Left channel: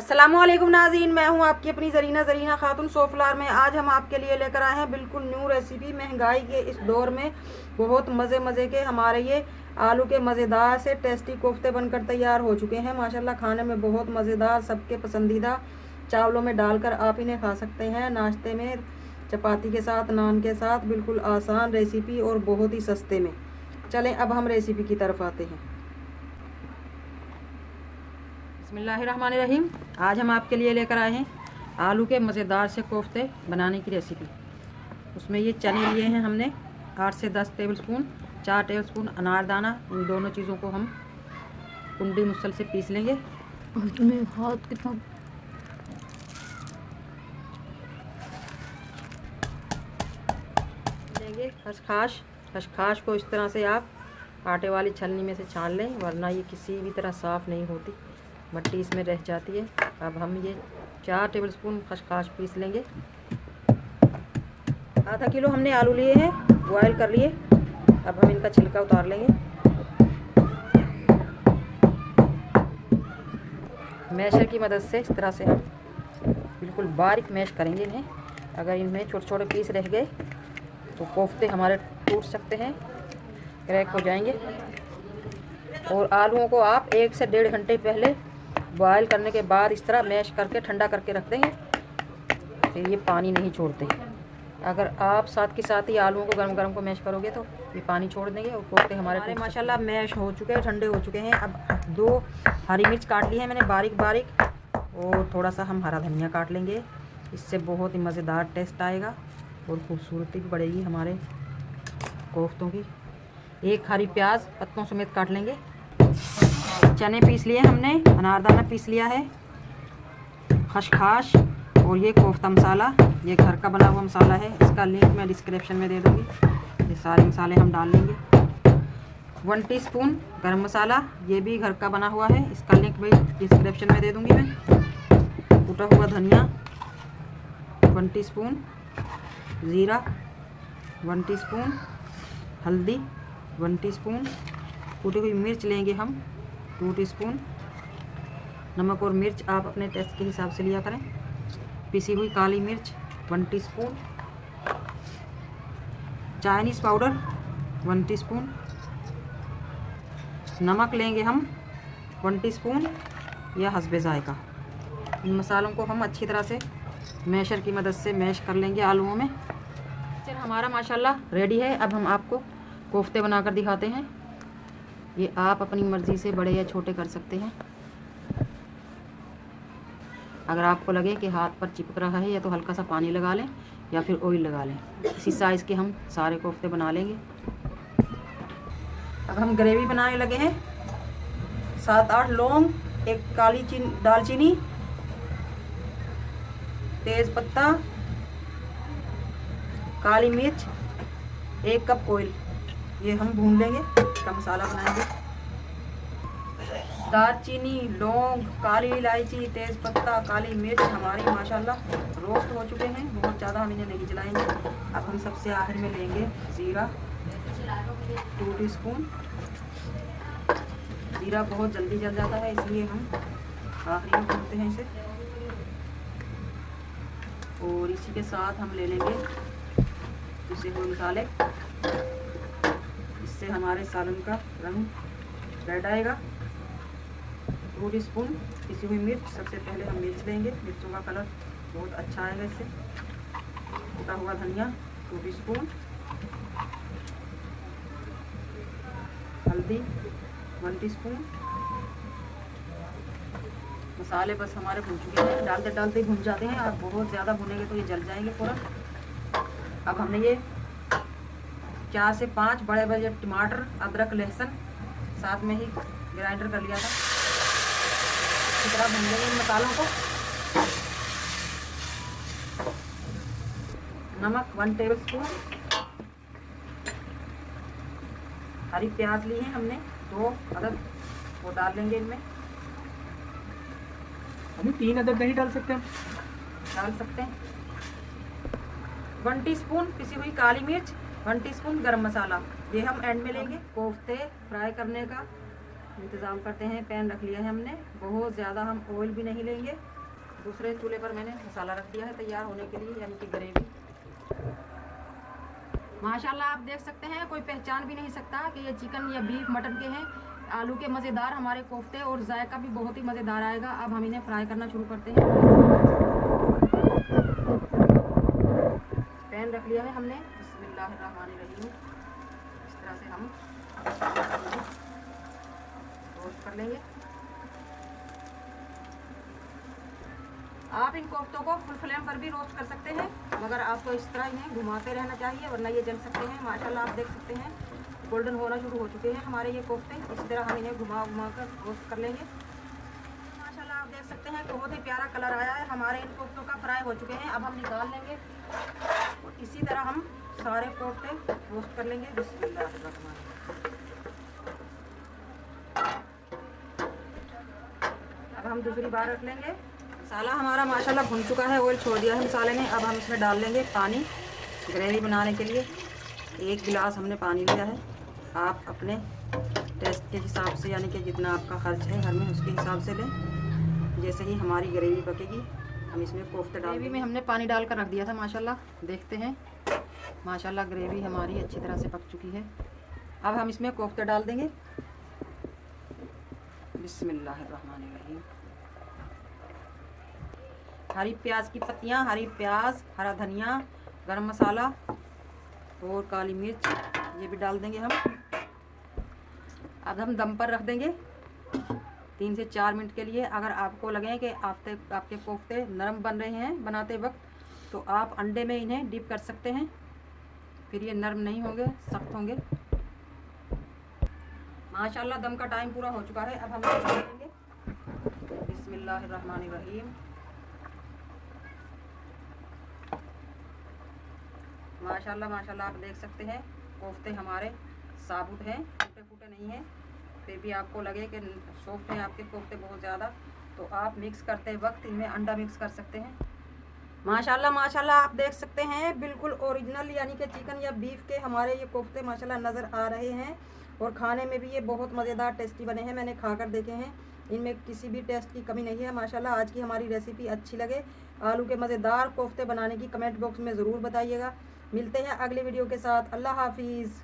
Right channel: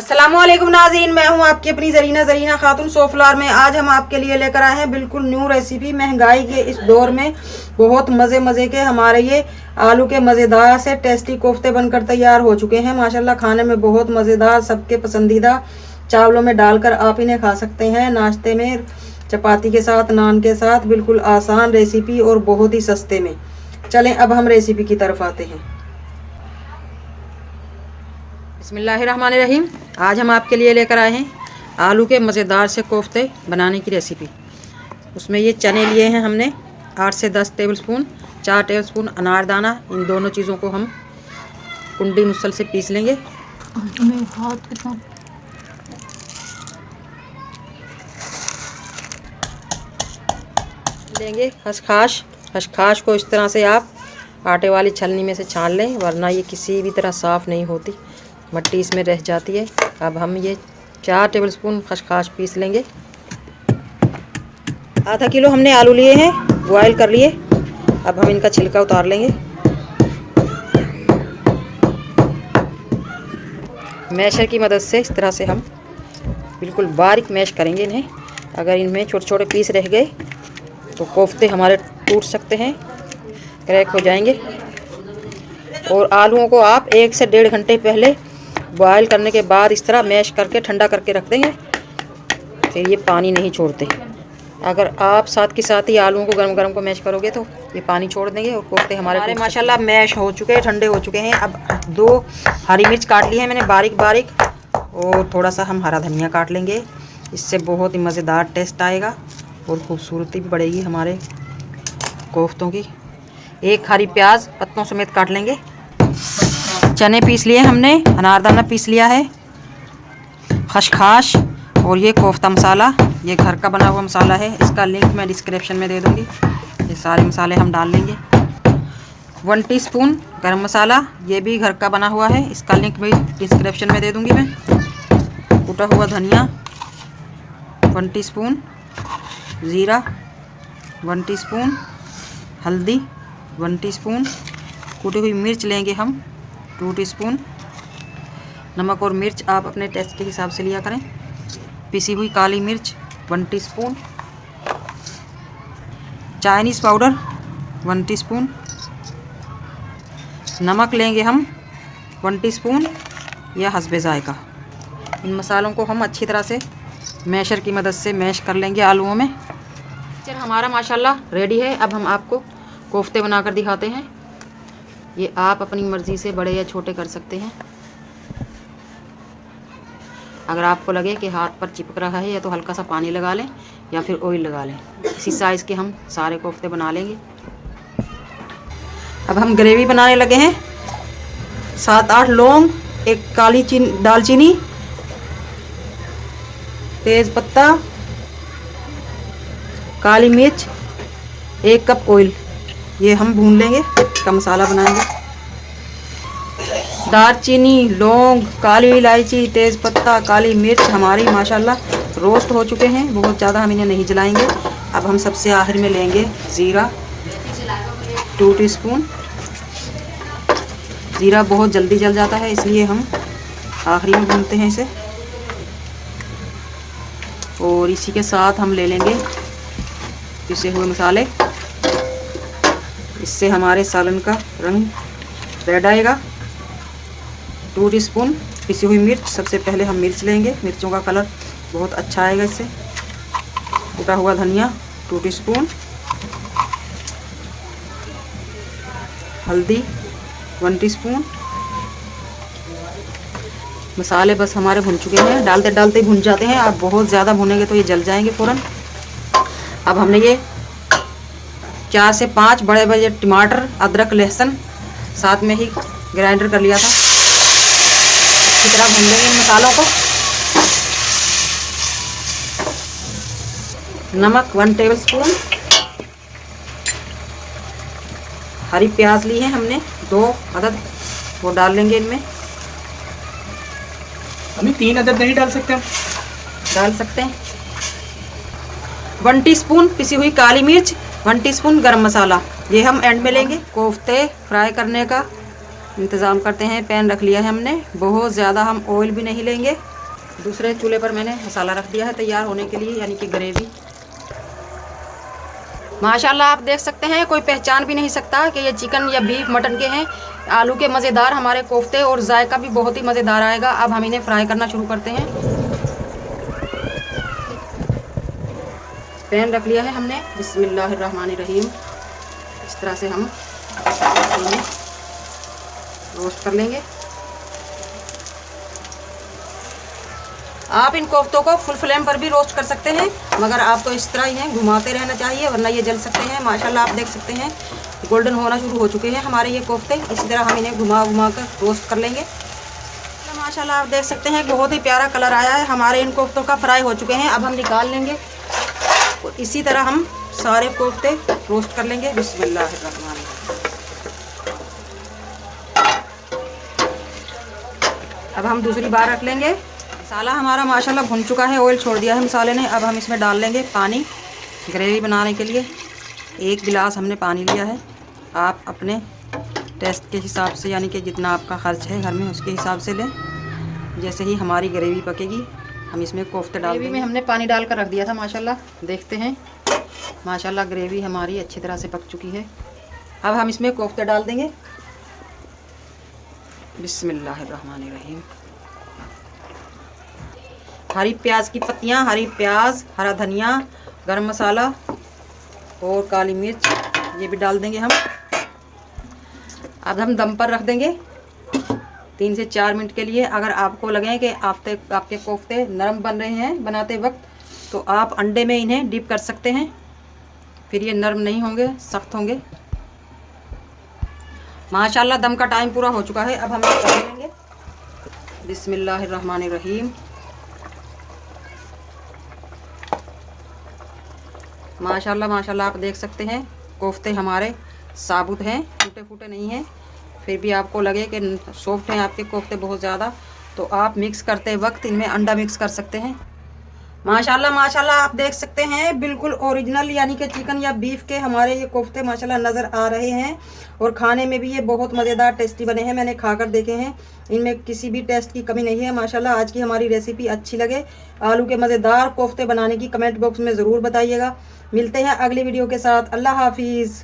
अस्सलामुअलैकुम नाज़रीन, मैं हूं आपकी अपनी ज़रीना खातून सोफलार में। आज हम आपके लिए लेकर आए हैं बिल्कुल न्यू रेसिपी। महंगाई के इस दौर में बहुत मज़े के हमारे ये आलू के मज़ेदार से टेस्टी कोफ्ते बनकर तैयार हो चुके हैं। माशाल्लाह खाने में बहुत मज़ेदार, सबके पसंदीदा। चावलों में डालकर आप इन्हें खा सकते हैं, नाश्ते में, चपाती के साथ, नान के साथ। बिल्कुल आसान रेसिपी और बहुत ही सस्ते में। चलें अब हम रेसिपी की तरफ आते हैं। बिस्मिल्लाहिर्रहमानिर्रहीम। आज हम आपके लिए लेकर आए हैं आलू के मज़ेदार से कोफ्ते बनाने की रेसिपी। उसमें ये चने लिए हैं हमने 8 से 10 टेबलस्पून, 4 टेबलस्पून अनारदाना। इन दोनों चीज़ों को हम कुंडी मुसल से पीस लेंगे। खसखस को इस तरह से आप आटे वाली छलनी में से छान लें, वरना ये किसी भी तरह साफ़ नहीं होती, मट्टी इसमें रह जाती है। अब हम ये 4 टेबलस्पून खसखस पीस लेंगे। आधा किलो हमने आलू लिए हैं, बॉयल कर लिए। अब हम इनका छिलका उतार लेंगे। मैशर की मदद से इस तरह से हम बिल्कुल बारीक मैश करेंगे इन्हें। अगर इनमें छोटे छोटे पीस रह गए तो कोफ्ते हमारे टूट सकते हैं, क्रैक हो जाएंगे। और आलूओं को आप 1 से 1.5 घंटे पहले बॉयल करने के बाद इस तरह मैश करके ठंडा करके रख देंगे, फिर ये पानी नहीं छोड़ते। अगर आप साथ के साथ ही आलूओं को गरम गरम को मैश करोगे तो ये पानी छोड़ देंगे और कोफ्ते हमारे माशाल्लाह मैश हो चुके हैं, ठंडे हो चुके हैं। अब 2 हरी मिर्च काट ली है मैंने बारीक बारीक, और थोड़ा सा हम हरा धनिया काट लेंगे। इससे बहुत ही मज़ेदार टेस्ट आएगा और खूबसूरती भी बढ़ेगी हमारे कोफ्तों की। 1 हरी प्याज पत्तों समेत काट लेंगे। चने पीस लिए हमने, अनारदाना पीस लिया है, खसखस और ये कोफ्ता मसाला, ये घर का बना हुआ मसाला है। इसका लिंक मैं डिस्क्रिप्शन में दे दूँगी। ये सारे मसाले हम डाल लेंगे। 1 टीस्पून गरम मसाला, ये भी घर का बना हुआ है, इसका लिंक भी डिस्क्रिप्शन में दे दूँगी मैं। कूटा हुआ धनिया 1 टीस्पून, ज़ीरा 1 टीस्पून, हल्दी 1 टीस्पून, कूटी हुई मिर्च लेंगे हम 2 टीस्पून। नमक और मिर्च आप अपने टेस्ट के हिसाब से लिया करें। पिसी हुई काली मिर्च 1 टीस्पून, चाइनीज़ पाउडर 1 टीस्पून, नमक लेंगे हम 1 टीस्पून या हस्बे जायका। इन मसालों को हम अच्छी तरह से मैशर की मदद से मैश कर लेंगे आलूओं में। चल हमारा माशाल्लाह रेडी है। अब हम आपको कोफ्ते बनाकर दिखाते हैं। ये आप अपनी मर्ज़ी से बड़े या छोटे कर सकते हैं। अगर आपको लगे कि हाथ पर चिपक रहा है या तो हल्का सा पानी लगा लें या फिर ऑयल लगा लें। इसी साइज़ के हम सारे कोफ्ते बना लेंगे। अब हम ग्रेवी बनाने लगे हैं। 7-8 लौंग, 1 काली दालचीनी, तेज़ पत्ता, काली मिर्च, 1 कप ऑयल, ये हम भून लेंगे। इसका मसाला बनाएंगे। दालचीनी, लौंग, काली इलायची, तेज़पत्ता, काली मिर्च हमारी माशाल्लाह रोस्ट हो चुके हैं। बहुत ज़्यादा हम इन्हें नहीं जलाएंगे। अब हम सबसे आखिर में लेंगे ज़ीरा 2 टीस्पून। ज़ीरा बहुत जल्दी जल जाता है, इसलिए हम आखिरी में भूनते हैं इसे। और इसी के साथ हम ले लेंगे पिसे हुए मसाले। इससे हमारे सालन का रंग रेड आएगा। 2 टीस्पून पिसी हुई मिर्च, सबसे पहले हम मिर्च लेंगे, मिर्चों का कलर बहुत अच्छा आएगा इससे। कूटा हुआ धनिया 2 टीस्पून, हल्दी 1 टीस्पून। मसाले बस हमारे भुन चुके हैं, डालते डालते भुन जाते हैं। आप बहुत ज़्यादा भुनेंगे तो ये जल जाएंगे फ़ौरन। अब हमने ये 4 से 5 बड़े बड़े टमाटर, अदरक, लहसुन साथ में ही ग्राइंडर कर लिया था। अच्छी तरह भून लेंगे इन मसालों को। नमक 1 टेबलस्पून। हरी प्याज ली है हमने 2 अदद, वो डाल लेंगे इनमें। हमें 3 अदद नहीं डाल सकते हम? डाल सकते हैं। 1 टीस्पून पिसी हुई काली मिर्च, 1 टीस्पून गरम मसाला, ये हम एंड में लेंगे। कोफ्ते फ्राई करने का इंतज़ाम करते हैं। पैन रख लिया है हमने, बहुत ज़्यादा हम ऑयल भी नहीं लेंगे। दूसरे चूल्हे पर मैंने मसाला रख दिया है तैयार होने के लिए, यानी कि ग्रेवी। माशाल्लाह आप देख सकते हैं, कोई पहचान भी नहीं सकता कि ये चिकन या बीफ मटन के हैं। आलू के मज़ेदार हमारे कोफ्ते, और जायका भी बहुत ही मज़ेदार आएगा। अब हम इन्हें फ्राई करना शुरू करते हैं। पैन रख लिया है हमने, बिस्मिल्लाहिर्रहमानिर्रहीम। इस तरह से हम इन्हें रोस्ट कर लेंगे। आप इन कोफ्तों को फुल फ्लेम पर भी रोस्ट कर सकते हैं, मगर आप तो इस तरह ही हैं, घुमाते रहना चाहिए वरना ये जल सकते हैं। माशाल्लाह आप देख सकते हैं गोल्डन होना शुरू हो चुके हैं हमारे ये कोफ्ते। इसी तरह हम इन्हें घुमा कर रोस्ट कर लेंगे। माशाल्लाह आप देख सकते हैं बहुत ही प्यारा कलर आया है। हमारे इन कोफ्तों का फ्राई हो चुके हैं। अब हम निकाल लेंगे और इसी तरह हम सारे कोफ्ते रोस्ट कर लेंगे। बिस्मिल्लाहिर्रहमानिर्रहीम। अब हम दूसरी बार रख लेंगे। मसाला हमारा माशाल्लाह भुन चुका है, ऑयल छोड़ दिया है मसाले ने। अब हम इसमें डाल लेंगे पानी ग्रेवी बनाने के लिए। 1 गिलास हमने पानी लिया है। आप अपने टेस्ट के हिसाब से, यानी कि जितना आपका खर्च है घर में उसके हिसाब से लें। जैसे ही हमारी ग्रेवी पकेगी हम इसमें कोफ्ते डाल देंगे। ग्रेवी में हमने पानी डाल कर रख दिया था। माशाल्लाह देखते हैं, माशाल्लाह ग्रेवी हमारी अच्छी तरह से पक चुकी है। अब हम इसमें कोफ्ते डाल देंगे। बिस्मिल्लाहिर्रहमानिर्रहीम। हरी प्याज की पत्तियाँ, हरी प्याज, हरा धनिया, गरम मसाला और काली मिर्च ये भी डाल देंगे हम। अब हम दम पर रख देंगे 3 से 4 मिनट के लिए। अगर आपको लगे कि आपके कोफ्ते नरम बन रहे हैं बनाते वक्त, तो आप अंडे में इन्हें डिप कर सकते हैं, फिर ये नरम नहीं होंगे, सख्त होंगे। माशाल्लाह दम का टाइम पूरा हो चुका है। अब हम इसे कर लेंगे। बिस्मिल्लाहिर्रहमानिर्रहीम। माशाल्लाह माशाल्लाह आप देख सकते हैं कोफ्ते हमारे साबुत हैं, टूटे फूटे नहीं हैं। फिर भी आपको लगे कि सॉफ्ट हैं आपके कोफ्ते बहुत ज़्यादा, तो आप मिक्स करते वक्त इनमें अंडा मिक्स कर सकते हैं। माशाल्लाह माशाल्लाह आप देख सकते हैं बिल्कुल ओरिजिनल, यानी कि चिकन या बीफ के हमारे ये कोफ्ते माशाल्लाह नज़र आ रहे हैं। और खाने में भी ये बहुत मज़ेदार टेस्टी बने हैं। मैंने खाकर देखे हैं, इनमें किसी भी टेस्ट की कमी नहीं है। माशाल्लाह आज की हमारी रेसिपी अच्छी लगे, आलू के मज़ेदार कोफ्ते बनाने की कमेंट बॉक्स में ज़रूर बताइएगा। मिलते हैं अगली वीडियो के साथ। अल्लाह हाफिज़।